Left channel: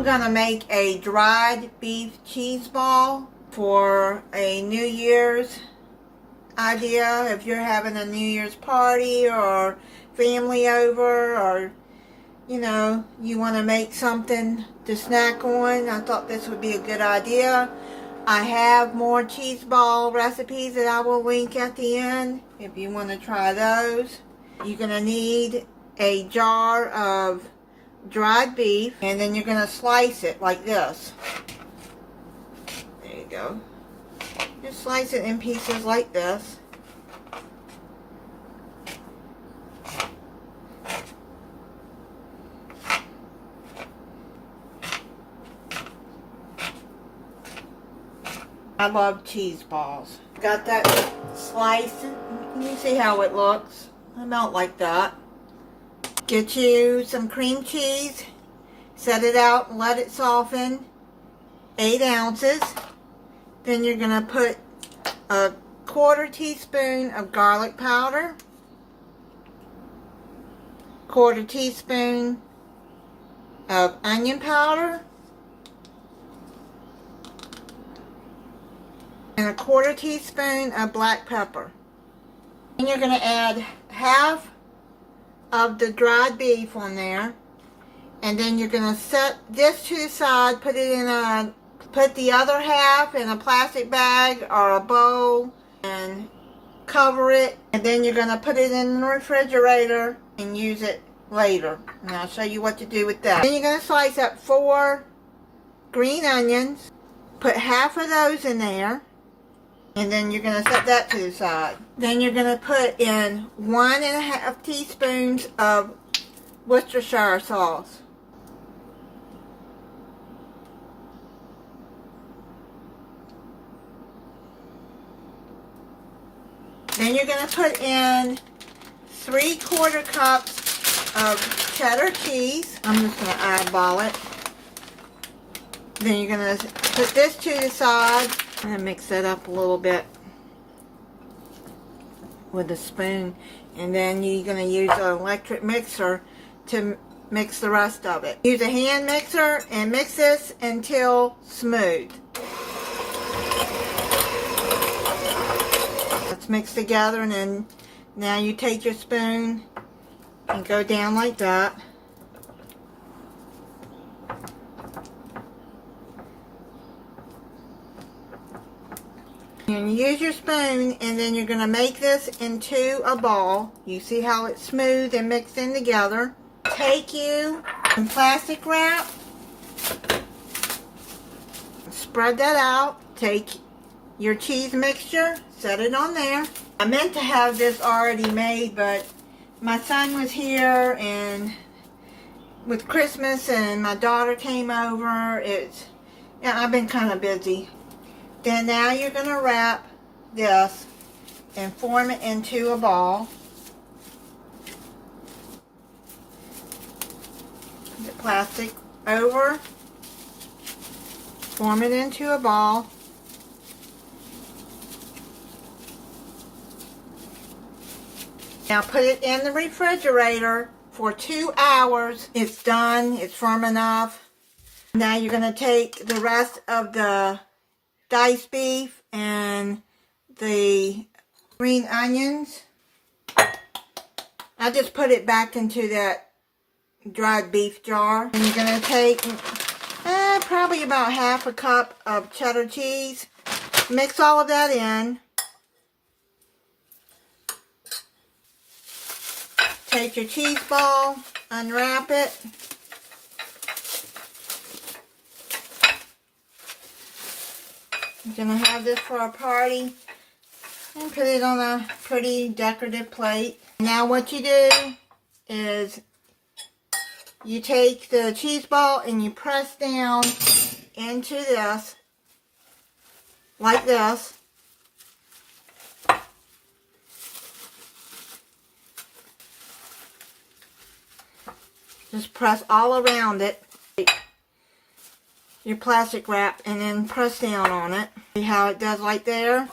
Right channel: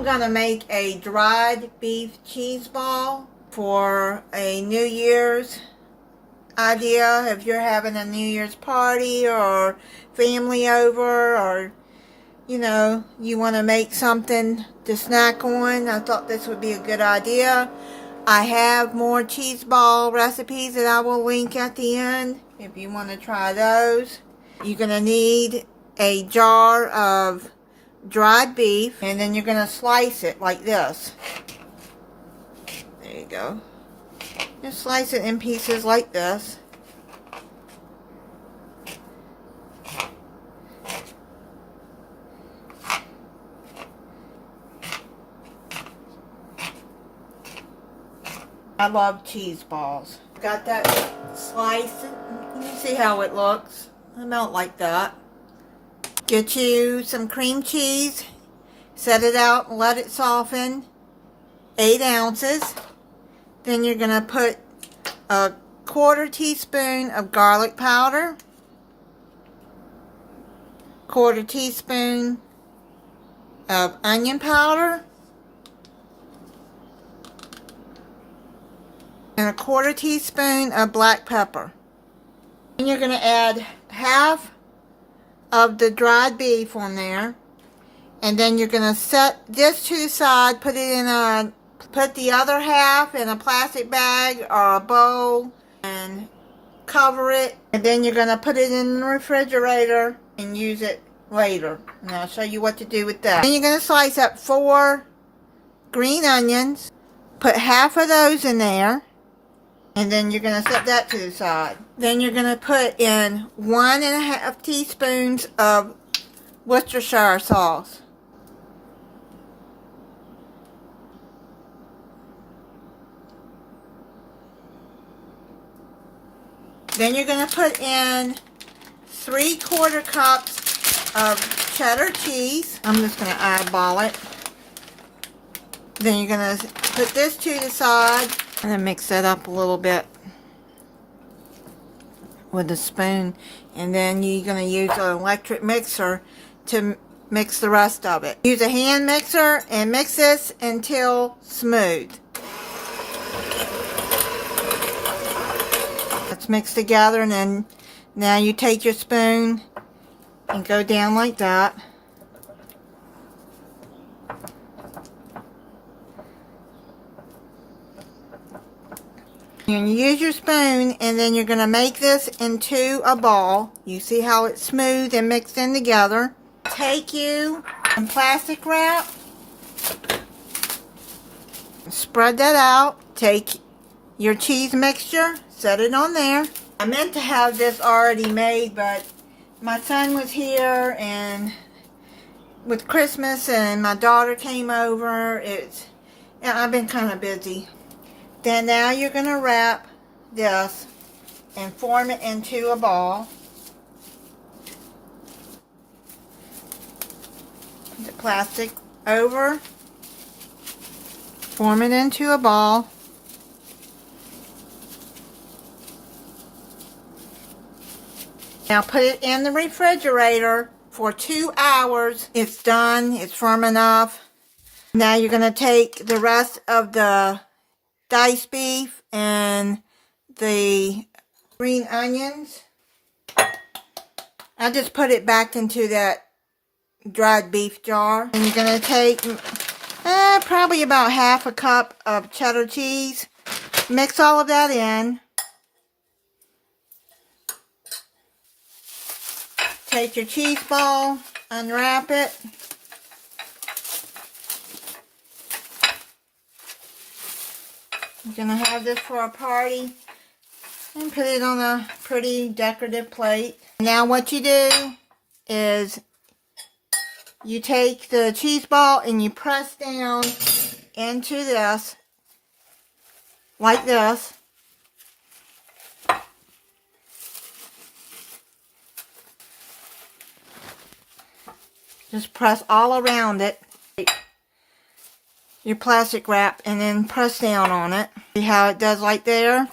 I'm gonna make a dried beef cheese ball for a New Year's idea. If you're having a New Year's party or family over, or you know, you want to make something to snack on, I thought this would be a good idea. I have more cheese ball recipes that I will link at the end if you want to try those. You're going to need a jar of dried beef, and then you're going to slice it like this. There you go. Just slice it in pieces like this. I love cheese balls. Got that sliced. You can see how it looks. About like that. Get you some cream cheese. Set it out and let it soften. 8 ounces. Then you're going to put a 1/4 teaspoon of garlic powder. 1/4 teaspoon of onion powder. And a 1/4 teaspoon of black pepper. And you're going to add half of the dried beef on there. And then you're going to set this to the side, put the other half in a plastic bag or a bowl and cover it. And then you're going to put it in the refrigerator and use it later. And I'll show you what to do with that. Then you're going to slice up 4 green onions. Put half of those in there. And then you're going to set that to the side. Then you're going to put in 1½ teaspoons of Worcestershire sauce. Then you're going to put in 3/4 cups of cheddar cheese. I'm just going to eyeball it. Then you're going to put this to the side. And then mix that up a little bit with a spoon. And then you're going to use an electric mixer to mix the rest of it. Use a hand mixer and mix this until smooth. Let's mix together, and then now you take your spoon and go down like that. You use your spoon, and then you're going to make this into a ball. You see how it's smooth and mixed in together. Take you some plastic wrap, spread that out. Take your cheese mixture, set it on there. I meant to have this already made, but my son was here and with Christmas, and my daughter came over. I've been kind of busy. Then now you're going to wrap this and form it into a ball. Put the plastic over. Form it into a ball. Now put it in the refrigerator for 2 hours. It's done. It's firm enough. Now you're going to take the rest of the diced beef and the green onions. I just put it back into that dried beef jar. And you're going to take probably about ½ cup of cheddar cheese. Mix all of that in. Take your cheese ball, unwrap it. We're going to have this for our party and put it on a pretty decorative plate. Now what you do is you take the cheese ball and you press down into this like this. Just press all around it. Your plastic wrap, and then press down on it. See how it does like there?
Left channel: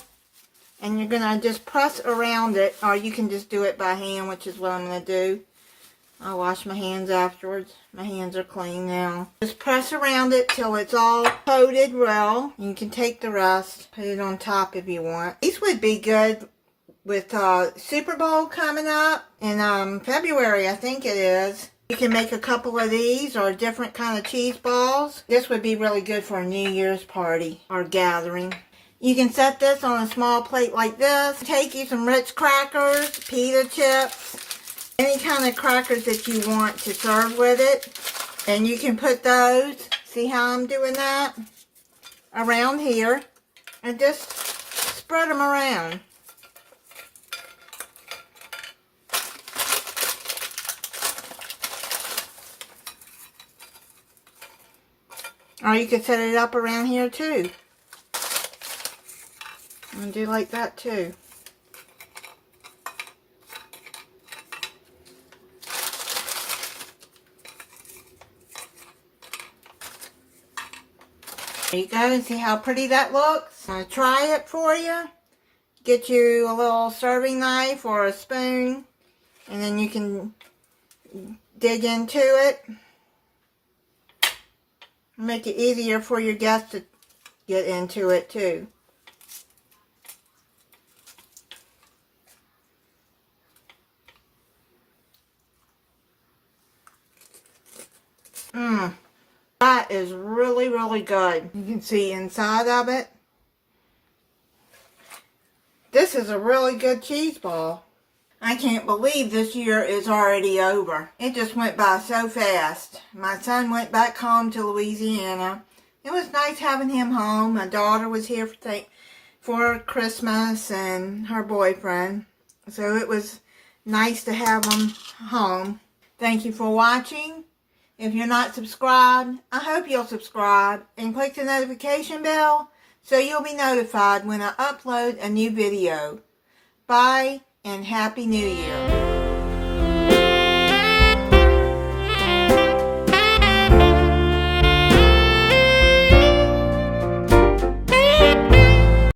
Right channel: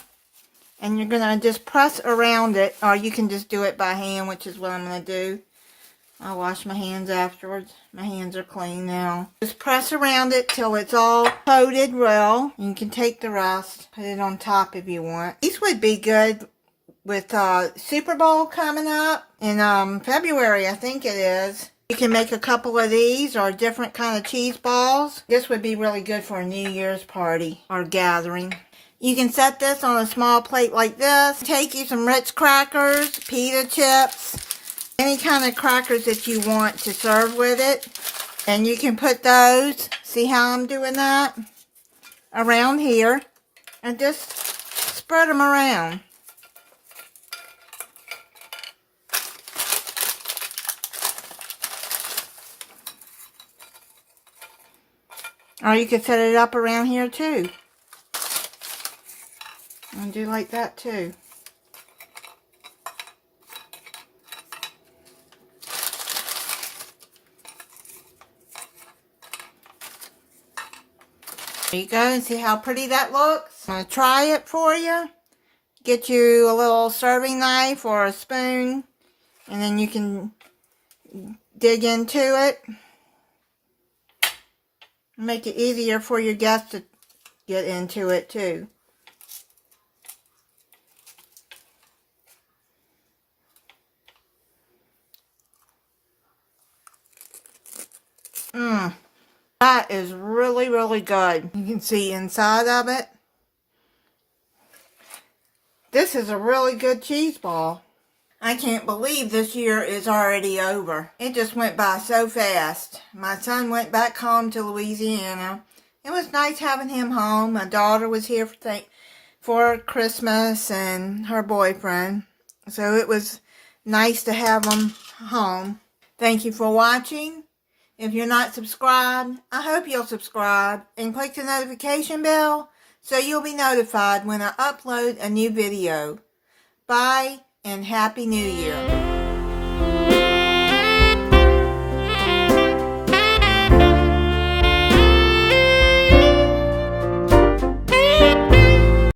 And you're going to just press around it, or you can just do it by hand, which is what I'm going to do. I'll wash my hands afterwards. My hands are clean now. Just press around it till it's all coated well. You can take the rest, put it on top if you want. These would be good with Super Bowl coming up in February, I think it is. You can make a couple of these or different kind of cheese balls. This would be really good for a New Year's party or gathering. You can set this on a small plate like this. Take you some Ritz crackers, pita chips, any kind of crackers that you want to serve with it. And you can put those, see how I'm doing that, around here. And just spread them around. Or you can set it up around here too. And do like that too. There you go, and see how pretty that looks. I'm going to try it for you. Get you a little serving knife or a spoon, and then you can dig into it. Make it easier for your guests to get into it too. That is really, really good. You can see inside of it. This is a really good cheese ball. I can't believe this year is already over. It just went by so fast. My son went back home to Louisiana. It was nice having him home. My daughter was here for Christmas and her boyfriend. So it was nice to have them home. Thank you for watching. If you're not subscribed, I hope you'll subscribe and click the notification bell so you'll be notified when I upload a new video. Bye and Happy New Year.